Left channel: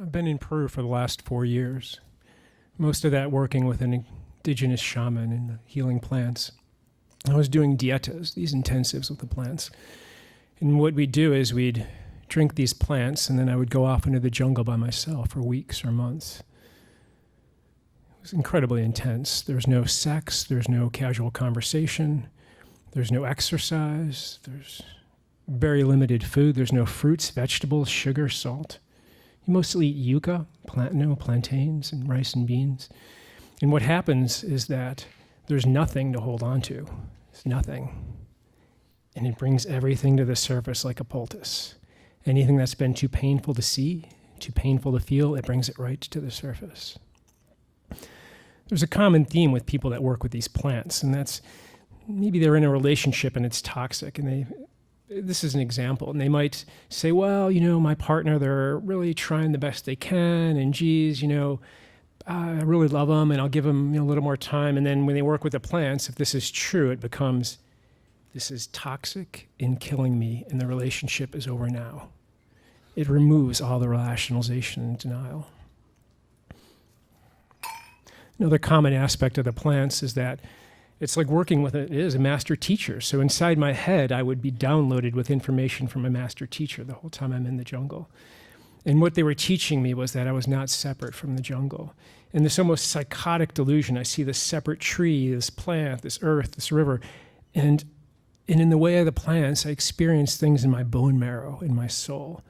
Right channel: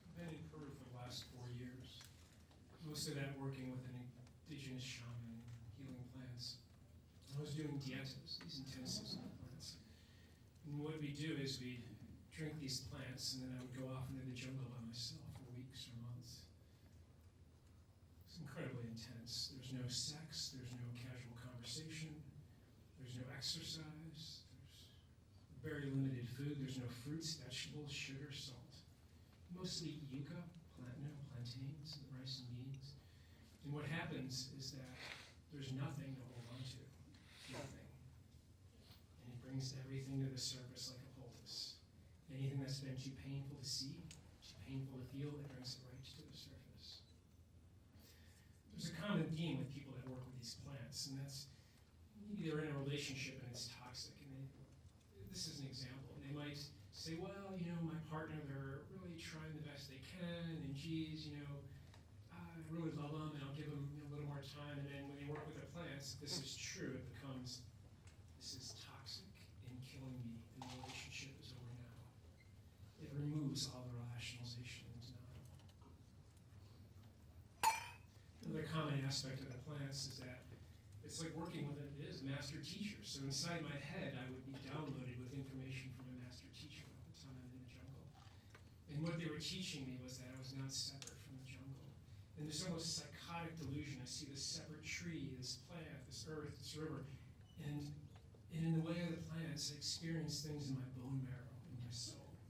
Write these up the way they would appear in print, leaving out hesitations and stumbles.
I've been in Peru for the last 4 years. Most of that working with an indigenous shaman and healing plants. I was doing dietas, these intensives with the plants. And what we'd do is we'd drink these plants, and then I would go off into the jungle by myself for weeks or months. It was incredibly intense. There's no sex, there's no casual conversation, there's no exercise, there's very limited food, there's no fruits, vegetables, sugar, salt. You mostly eat yucca, plantains, and rice and beans. And what happens is that there's nothing to hold on to. It's nothing. And it brings everything to the surface like a poultice. Anything that's been too painful to see, too painful to feel, it brings it right to the surface. There's a common theme with people that work with these plants, and that's maybe they're in a relationship and it's toxic, and this is an example, and they might say, well, my partner, they're really trying the best they can, and geez, I really love them, and I'll give them a little more time. And then when they work with the plants, if this is true, it becomes, this is toxic and killing me, and the relationship is over now. It removes all the rationalization and denial. Another common aspect of the plants is that it's like working with it is a master teacher. So inside my head, I would be downloaded with information from a master teacher the whole time I'm in the jungle. And what they were teaching me was that I was not separate from the jungle. In this almost psychotic delusion, I see this separate tree, this plant, this earth, this river. And in the way of the plants, I experienced things in my bone marrow, in my soul.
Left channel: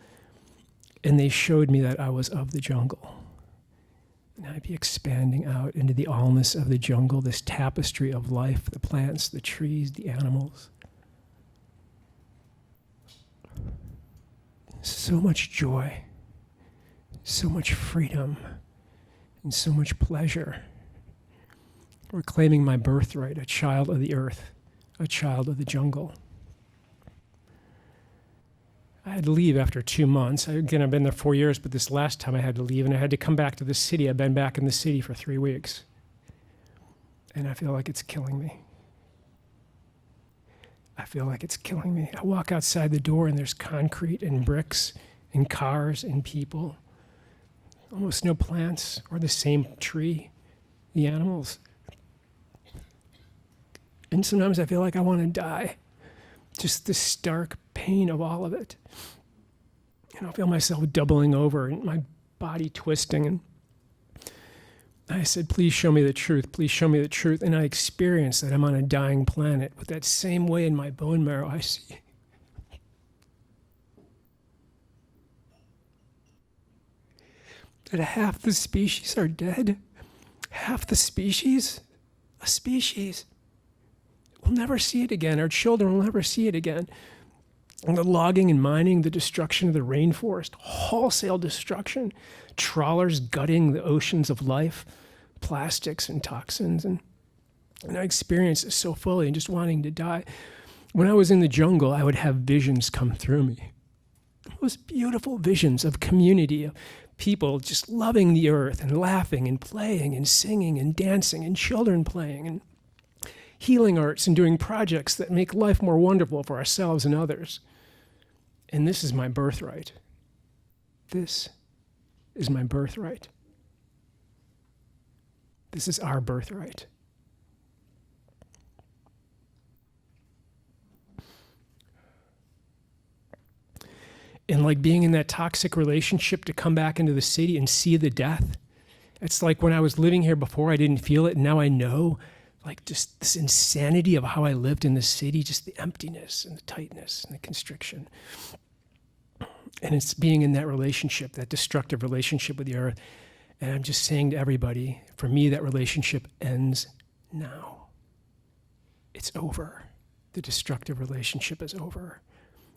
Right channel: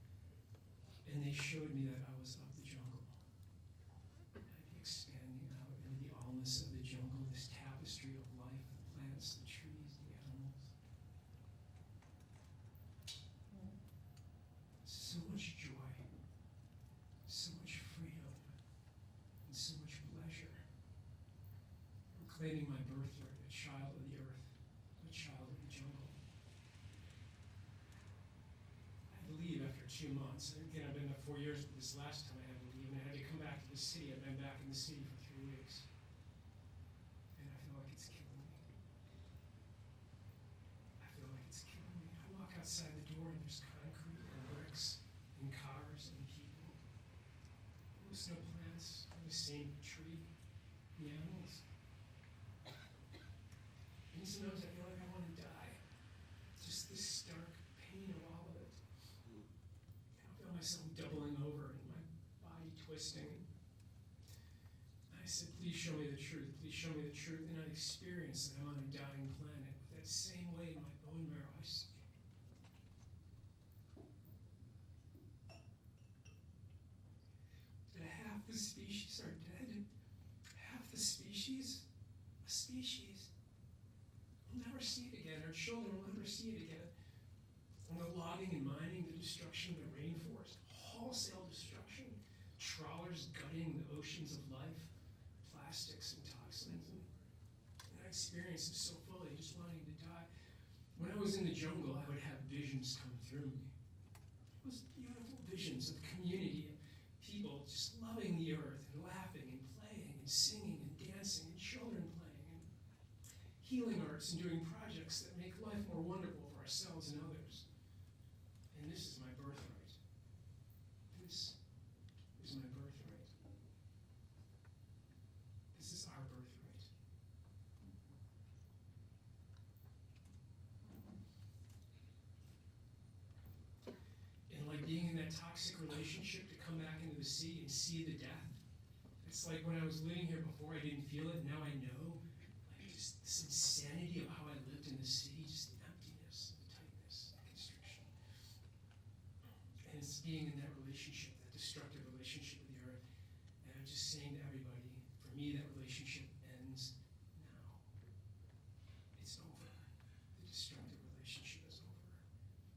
And they showed me that I was of the jungle. And I'd be expanding out into the allness of the jungle, this tapestry of life, the plants, the trees, the animals. So much joy, so much freedom, and so much pleasure. Reclaiming my birthright, a child of the earth, a child of the jungle. I had to leave after 2 months. Again, I've been there 4 years, but this last time I had to leave, and I had to come back to the city. I've been back in the city for 3 weeks. And I feel like it's killing me. I feel like it's killing me. I walk outside the door, and there's concrete and bricks and cars and people. Almost no plants or the same tree, the animals. And sometimes I feel like I want to die. Just the stark pain of all of it. And I feel myself doubling over and my body twisting. And I said, please show me the truth. Please show me the truth. And I experienced that I'm on a dying planet with that same way in my bone marrow I see. That half the species are dead. Half the species, a species. We'll never see it again. Our children will never see it again. And the logging and mining, the destruction of the rainforest, wholesale destruction, trawlers gutting the oceans of life, plastics and toxins. And I experienced this so fully and just wanting to die. When I was in the jungle, I would have visions come through me. Those beautiful visions of community, of people just loving the earth and laughing and playing and singing and dancing and children playing and healing arts and doing projects that make life more wonderful for ourselves and others. And this is my birthright. This is my birthright. This is our birthright. And like being in that toxic relationship, to come back into the city and see the death. It's like when I was living here before, I didn't feel it, and now I know. Like just this insanity of how I lived in the city, just the emptiness and the tightness and the constriction. And it's being in that relationship, that destructive relationship with the earth. And I'm just saying to everybody, for me, that relationship ends now. It's over. The destructive relationship is over.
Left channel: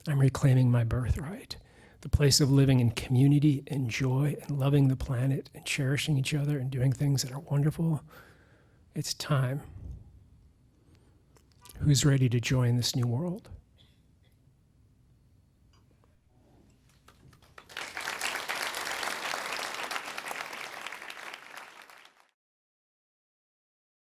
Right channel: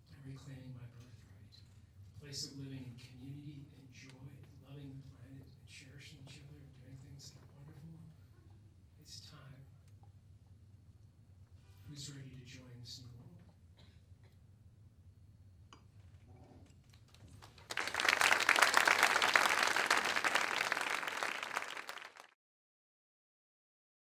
I'm reclaiming my birthright, the place of living in community and joy and loving the planet and cherishing each other and doing things that are wonderful. It's time. Who's ready to join this new world?